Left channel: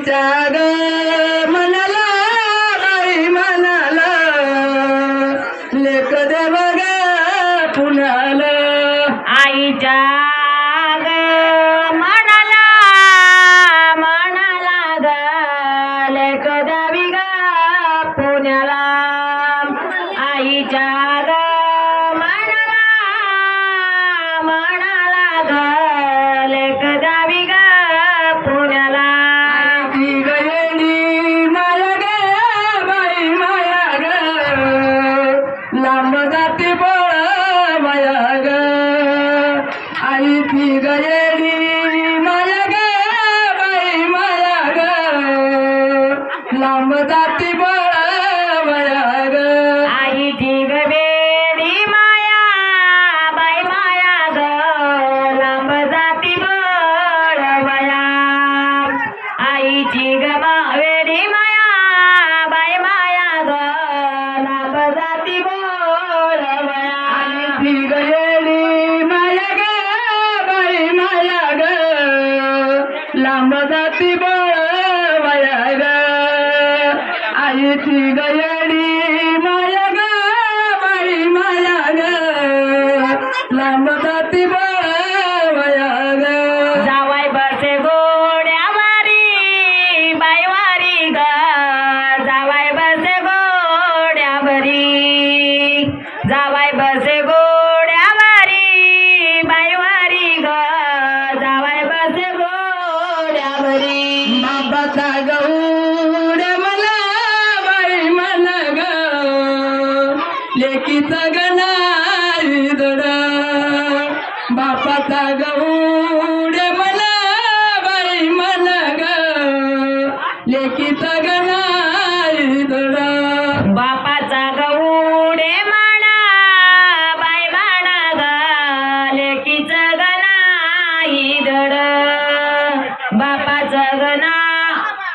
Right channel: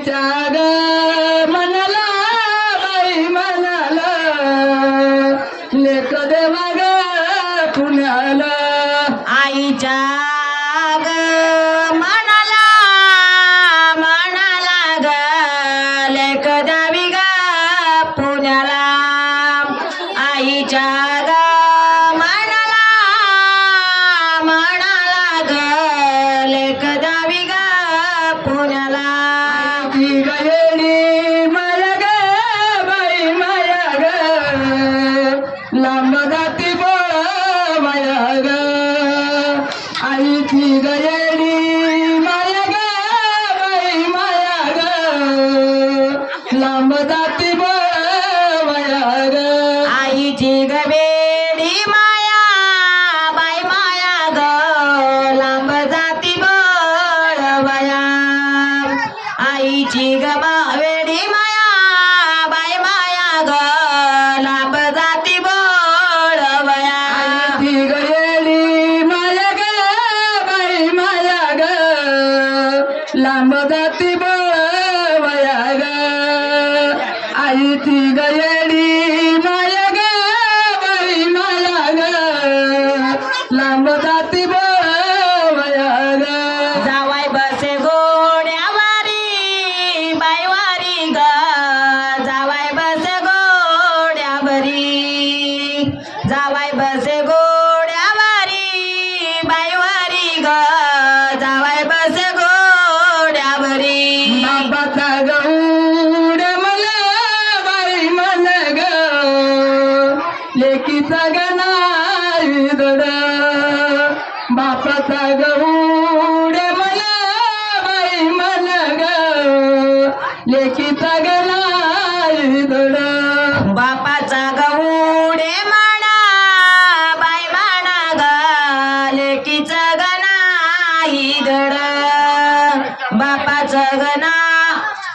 आईच्या ग मनाला बाई मनाला लेख देव ग पुण्याला. आईच्या ग मनाला म्हणाला ग लेक द्यावी ग लांब जाती ग आईची ग बेडी माया बाई माया ग लांब जाती बळवया आईची ग वेडी माया बाई माया ग लांब जाती बळवया ती आई ती ग येडी माया ग बाई माया ग लांब जाती बळ ग जावाय बसे गोड्यावारी बाईवारी ग. लेकीचा गणाई दड बापाचा गौड मला बाई मला ग. लेखी गणाई दड बापाचा गौडे माणा बाई माणा ग. लेकीचा गणाई दड बापाचं गणा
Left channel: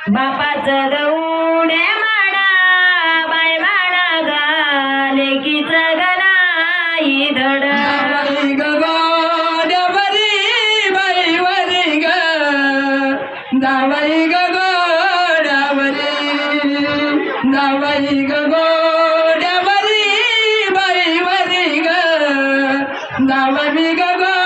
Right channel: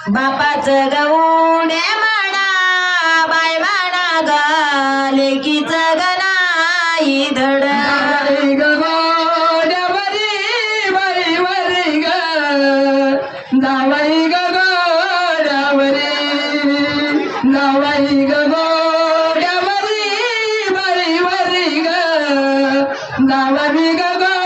बापाचं गौडे जावाई ग